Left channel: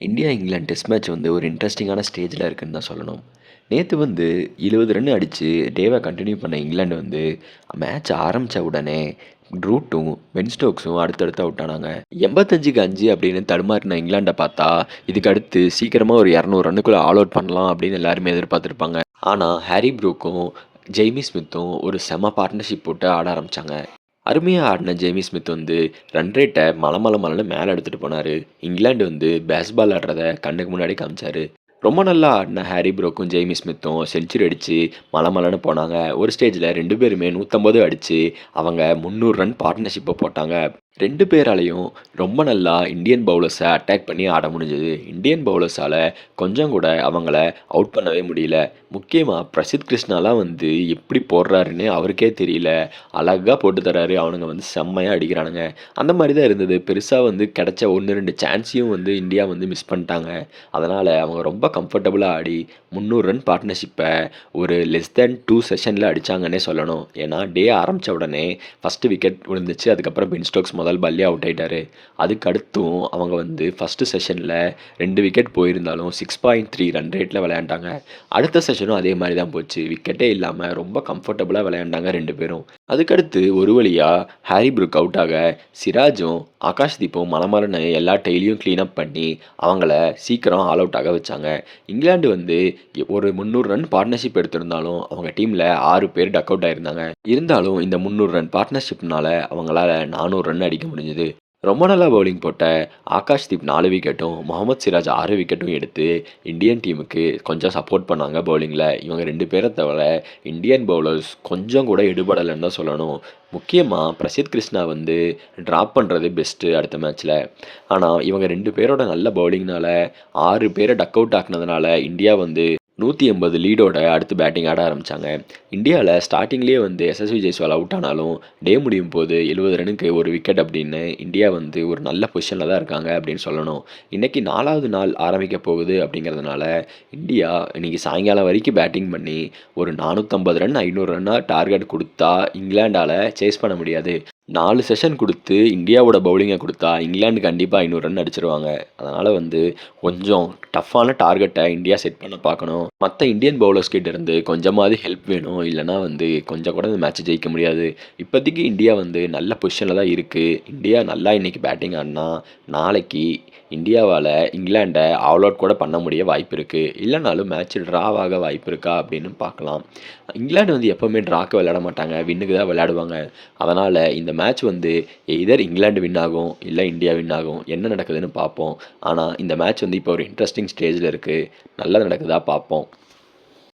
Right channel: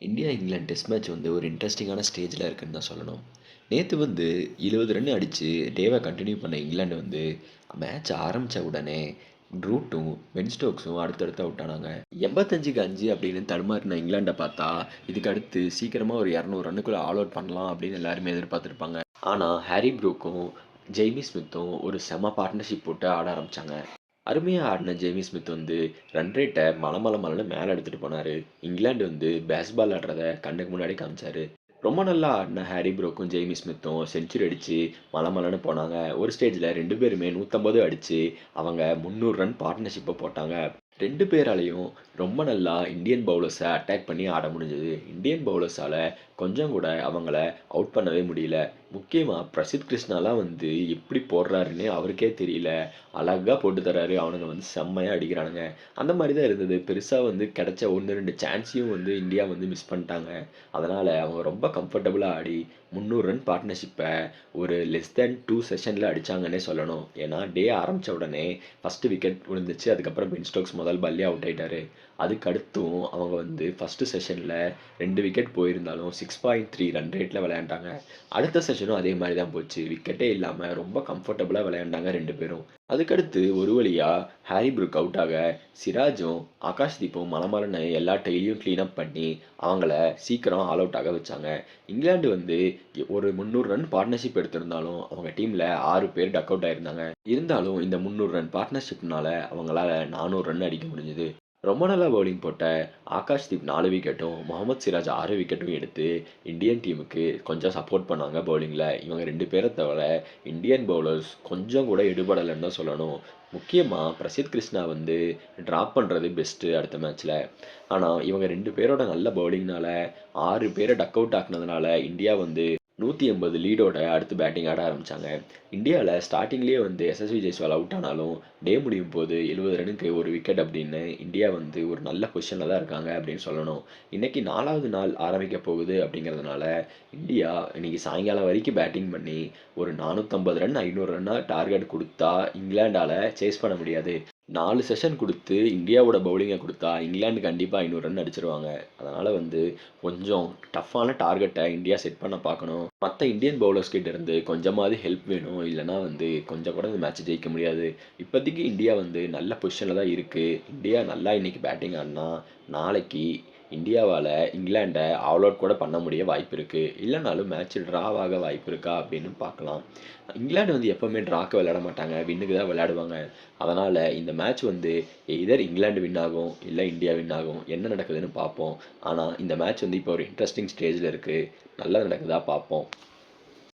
India England test match வந்து ஒரு இன்ட்ரெஸ்டிங்கான ஸ்டேஜில் இருக்குதுன்னு தான் சொல்லணும். நேற்று வந்து இருபது ரன் அடித்து டேவை கண்டினியூ பண்ண இங்கிலாந்து வந்து மேட்ச் ஆரம்பித்த உடனே ரூட்டும் வென்ஸ்டோக்ஸும் அடுத்தடுத்து அவுட் ஆனாங்க. எண்பத்தஞ்சுக்கு அஞ்சு அப்படின்னு தடுமாறின இங்கிலாண்டை பார்த்தா இதுக்கு அடுத்து சீக்கிரமாக ஒரு இரநூறு ரன்னுக்குள்ளே ஆல் அவுட் பண்ணலாம் அப்படின்னு எல்லாருமே எதிர்பார்த்துருப்பாங்க. ஆனால் ஹாரி ப்ரூக்கும் ஜெய்மி ஸ்மித்தும் ஒரு செம பார்ட்னர்ஷிப் போட்டு ஆட ஆரம்பித்தாங்க அருமையாக ஆடின ஜேமி ஸ்மித் வந்து ரன் ரேட்டை மலை மலை மலைன்னு மேலே எடுத்துகிட்டு போனார். இங்கிலாந்து வந்து பேஸ்பால் ஆடுறத கண்ணுக்கு முன்னாடி காமிச்சார். ரொம்ப நல்லா ஆடின ஹாரி ப்ரோக்கும் ஜெய்மி ஸ்மித்தும் செஞ்சுரி அடித்து மலை மலைன்னு போனாங்க. ஒரு ஸ்டேஜில் ரெண்டு பேருமே நூற்றம்பது அடித்து அவங்க முந்நூறு ரன் பார்ட்னர்ஷிப்பை போட்டாங்க. ரெண்டு பேராலையும் ரொம்ப நல்லா இந்தியன் பவுலர்ஸை அட்டாக் பண்ணி ஆட முடிஞ்சது. இந்தியன் பவுலர்ஸால் கொஞ்சம் கூட அவங்கள அவுட் பண்ணவே முடியல. முக்கியமாக பிரசித் கிருஷ்ணாலாம் வந்து எப்படி போடுறாருன்னு அவருக்கே தெரியல. அழகாக போட்டு தராரு. அவனுங்க வந்து செம்மையாக அடிக்கிறானுங்க. அந்த மாதிரி தான் இருந்தது. பெருசாக வந்து கிடச்ச ஒன்று ரெண்டு சான்ஸையும் வந்து இந்தியா வந்து மிஸ் பண்ணிட்டாங்க. அதனால் அவங்க ரொம்ப கம்ஃபர்டபுளாக ஆடி முந்நூறு ரன் பார்ட்னர்ஷிப்பை ஒரு லெஸ் தேன் டூ செஷனில் அடித்தாங்கன்னே சொல்லணும். ஏன்னா டே ஆரம்பித்த உடனே ஃபஸ்ட்டு விக்கெட் விழுந்துச்சு. அதுக்கப்புறம் பென் ஸ்டோக்ஸ் முதல் பல்லே அவுட் ஆகிட்டார் அதுக்கு அடுத்தும் அவங்க வந்து ஃபஸ்ட்டு செஷனில் ரெண்டு விக்கெட் போயிருந்தாலும் சிக்ஸ் பாயிண்ட் த்ரீ ரன் ரேட்டில் விளையாண்டாங்க. அடுத்த செஷன் செஷனும் அதே மாதிரி தான் போச்சு. விக்கெட்டே இல்லாமல் ரொம்ப கம்ஃபர்டபுளாக விளையாண்டாங்க ரெண்டு பேரும். அதுக்கடுத்து ஒரு வழியாக ஹாரி ப்ரூக் அவுட் ஆக சிராஜும் ஆகாஷ் தீப்பும் மலமரன்னு எல்லா டெய்லியும் க்ளீனப் பண்ணி அவங்கள சீக்கிரம் ஆல் அவுட் ஆக வச்சாங்க. இங்கிலாந்து வந்து ஒரு முந்நூறு ரன் பார்ட்னர்ஷிப் எடுத்திருந்தாலும் அவங்க டீமில் ஆறு பேர் டக் அவுட் ஆயிருந்தாங்க. இருந்தாலும் இந்த முந்நூறு ரன் பார்ட்னர்ஷிப்னால அவங்களால நானூறு ரன் அடிக்க முடிஞ்சது. ரொம்ப நல்லா பவுலிங் போட்ட ஆகாஷ் தீப் நாலு விக்கெட்டும் முகமது சிராஜ் ஆறு விக்கெட்டும் எடுத்து இந்தியன் டீமுக்கு கொஞ்சம் சப்போர்ட் பண்ணாங்க பவுலிங்கில் இவங்க ரெண்டு பேரை தவிர இந்தியன் பவுலர்ஸ் கொஞ்சம் கூட எடுபடலைன்னு தான் சொல்லணும். முக்கியமாக பிரசித் கிருஷ்ணா வந்து ட்ராப் பண்ணுறது பெஸ்ட்டு அடுத்த மேட்ச்சில் ஆனால் இவங்க ரெண்டு பேரோட நல்ல பவுலிங்னால ஆறு பேரை டக் அவுட் ஆக்குனதுனால இந்தியா வந்து நூற்றி எண்பது லீடோட அடுத்து பேட்டிங் ஆட ஆரம்பித்தாங்க இந்தியாவில் ஸ்டார்டிங்லேயே வந்து எஸ்எஸ்வி ஜெய்ஸ்வால் அவுட் ஆனாலும் டே முடியும் போது எழுபது ரனுக்கு ஒரு விக்கெட் அப்படின்னு இந்தியா வந்து ஒரு நல்ல பொசிஷனில் தான் இருக்காங்க அப்படின்னு சொல்லணும். இன்றைக்கி நாலாவது நாள் ஆரம்பிக்க போகுது அப்படிங்கிறதுனால இந்தியா இன்றைக்கி சாயங்காலம் வரைக்கும் பேட்டிங் பண்ணி ஒரு நானூற்றம்பது ரன் ஐநூறு ரன்னாக டார்கெட் கொடுத்தா இங்கிலாண்டால் சேஸ் பண்ண முடியாது. நாலு செஷன் கொடுத்து இந்தியாவோட பவுலிங்கை கொடுத்தா இங்கிலாந்து கண்டிப்பாக ஐநூறு ரன் அடிச்சிருவாங்க. அதனால் வந்து கொஞ்சம் டஃப்பான டார்கெட்டை இந்தியா செட் பண்ண பார்க்கணும். மற்ற இந்தியன் பவுலர்ஸ் கிட்ட இருந்து கொஞ்சமாவது ஹெல்ப் வேணும். இல்லைனா வந்து கொஞ்சம் கூட இந்த மேட்ச் ஜெயிக்க முடியாது. இப்போதைக்கு இந்தியா வந்து நல்ல பொசிஷனில் தான் இருக்குது இந்தியா நல்லா இன்றைக்கி பேட்டிங் ஆடினா நாளைக்கு இந்தியாவால் இங்கிலாண்டை ஆல் அவுட் கூட பண்ண முடிய வாய்ப்பு இருக்குது இல்லைனாலும் மேட்ச் ட்ராவாக வாய்ப்பு இருக்கா அப்படின்னு பார்க்கலாம். இங்கிலாந்து வந்து எப்போவுமே ட்ராக்கு விளையாட மாட்டாங்க. வின்னுக்கு தான் விளையாடுவாங்க. அதனால் இந்த மேட்ச் வந்து எதர் இங்கிலாந்து வின் ஆகும் இல்லை இந்தியா வின் ஆகும் என்ன நடக்குதுன்னு பார்ப்போம். ஆனால் இந்த மேட்ச் வந்து இப்போ ஒரு இன்ட்ரெஸ்டிங் ஸ்டேஜில் இருக்குது நல்லா நடக்குதா பார்ப்போம்.